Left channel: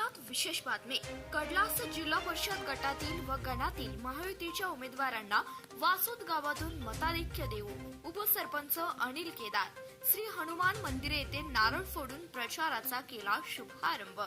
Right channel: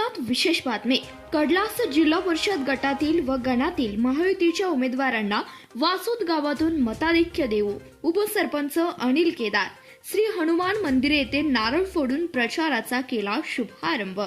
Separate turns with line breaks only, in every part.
पाहुयात विशेष बातमी. कडलास जिल्हा परिषद गटातील व गणातील महायुतीच्या उमेदवारांना वासोद गावातून मताधिक्य देऊ उपसरपंच अनिल केदार. श्री हनुमान मंदिर येथे नारळ फोडून प्रचाराचा केला शुभारंभ.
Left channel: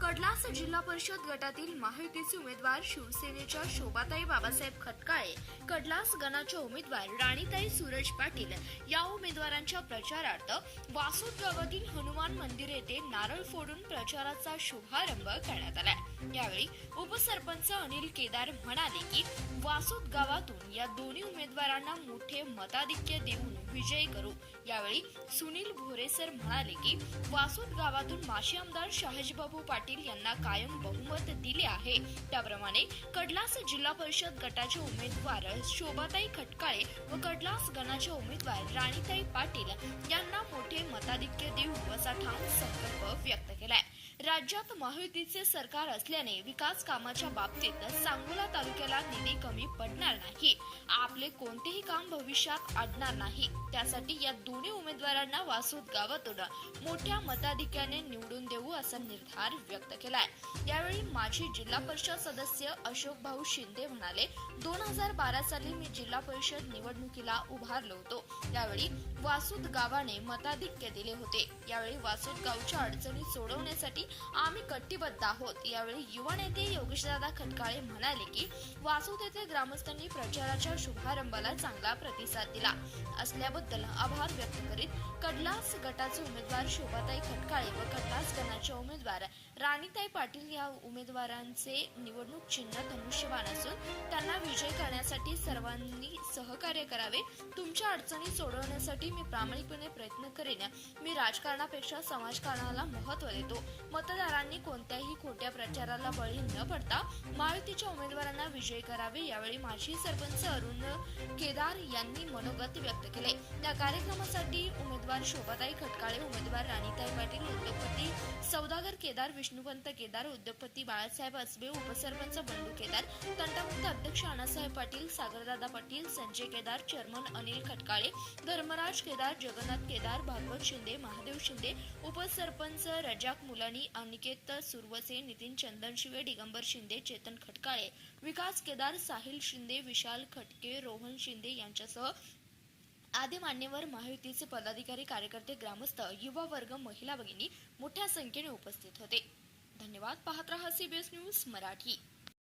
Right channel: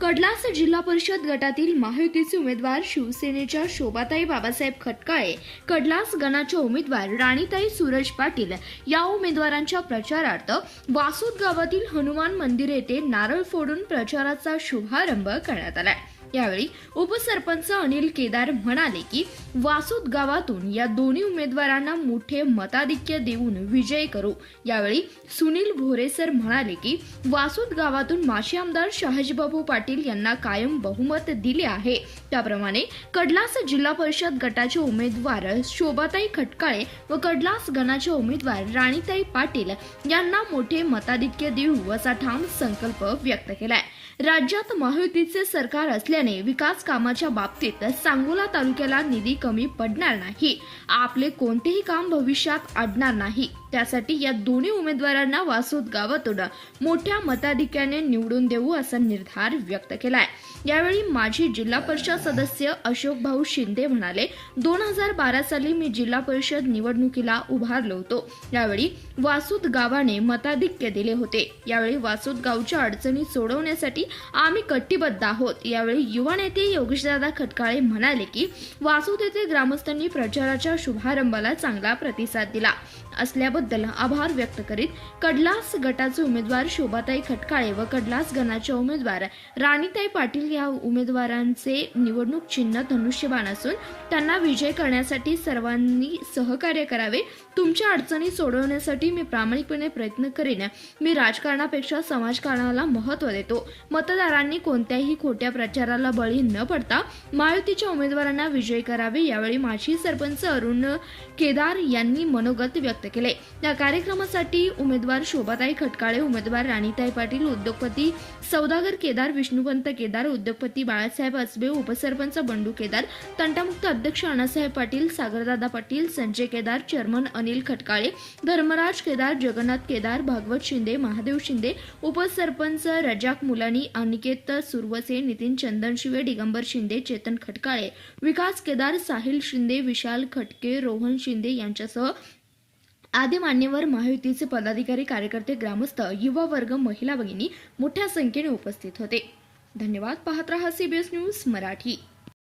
कडलास जिल्हा परिषद गटातील महायुतीचे उमेदवार शिवसेनेच्या शोभाताई बाबासाहेब खटकाळे कडलास गणाच्या उमेदवार राणीताई सूरज पाटील या उमेदवारांच्या प्रचारार्थ वासुद गावातील हनुमान मंदिर येथे नारळ फोडून प्रचाराचा शुभारंभ करण्यात आलाय. यावेळी उपसरपंच अनिल केदार म्हणाले की वासुद गावातून या दोन्ही उमेदवारांना मोठे मताधिक्य देऊन विजय करू. यावेळी सुनील भोरेसर म्हणाले की वासुद गावातून माजी आमदार शहाजीबाबू पाटील पाटील यांना कायम बहुमत दिले आहे. त्याप्रमाणे कडलास जिल्हा परिषद गटाचे उमेदवार शोभाताई खटकाळे व कडलास गणाचे उमेदवार राणीताई पाटील यांना मोठे मताधिक्य देऊ असा ठाम संकल्प व्यक्त केलाय. राज्यात महायुतीचे सरकार असल्याने विकास कामाच्या बाबतीत सांगोला तालुक्याला निधी कमी पडणार नाही. आपले कोणतेही काम भविष्यात अडणार नाही. त्यासाठी या दोन्ही उमेदवारांना वासोद गावातून मोठ्या मताधिक्याने निवडून देऊ असा निर्धार व्यक्त केलाय. यावेळी माजी जिल्हा परिषद सदस्य अशोक भाऊ शिंदे म्हणाले दोन हजार बारा साली मी जिल्हा परिषद निवडणुकीला उभारलो होतो. यावेळी वासूद गावाने मताधिक्य दिले होते. यावेळी वासूद गावच्या अडचणी सोडवण्यासाठी आम्ही कटिबद्ध आहोत. यावेळी युवा नेते योगेशदादा खटकाळे म्हणाले की वासूद येथे ग्रामस्थांनी प्रचाराच्या शुभारंभाला चांगला प्रतिसाद दिला. असल्याबद्दल आभार व्यक्त करीत कडलास गटाचे उमेदवार शोभाताई खटकाळे व कडलास गणाच्या उमेदवार राणीताई पाटील या उमेदवारांचे निवडणूक चिन्ह धनुष्यबाण असून त्यांना विजय करण्यासाठी सर्वांनी सहकार्य करावे तुमच्या अडचणी सोडवण्यासाठी मी प्रामाणिकपणे प्रयत्न करेन. मी राजकारणापेक्षा समाजकारणाला महत्त्व देतो. मतदारांनी कोणत्याही खोट्या प्रचाराला बळी न पडता महायुतीच्या उमेदवारांना विजयी करावे यावेळी माजी सरपंच अरुण केदार यांनी मनोगत व्यक्त केले. या कार्यक्रमासाठी उमेदवार शोभाताई खटकाळे उमेदवार राणीताई पाटील उद्योगपती सौदागर केदार विष्णुपंत केदार उद्योगपती बाळासाहेब असबे उपसरपंच बंडू केदार तंटामुक्त अध्यक्ष अण्णासाहेब पाटील सागरदादा पाटील संजय केदार चेअरमन अनिल खटकाळे धर्मराज केदार जगन्नाथ केदार भागवत शिंदे महादेव शिंदे उपसरपंच रजाक मुलानी अनिकेत सुरवसे नितीन चंदनशिवे दिगंबर शिंदे चेतन खटकाळे विकास केदार साहिल शिंदे विशाल खटके रोहन शिंदे यांच्यासह आदी मान्यवर महायुतीचे पदाधिकारी कार्यकर्ते ग्रामस्थ युवा वर्ग महिला भगिनी मोठ्या संख्येने उपस्थित होते. धन्यवाद. पाहत रहा सीबीएस न्यूज मराठी.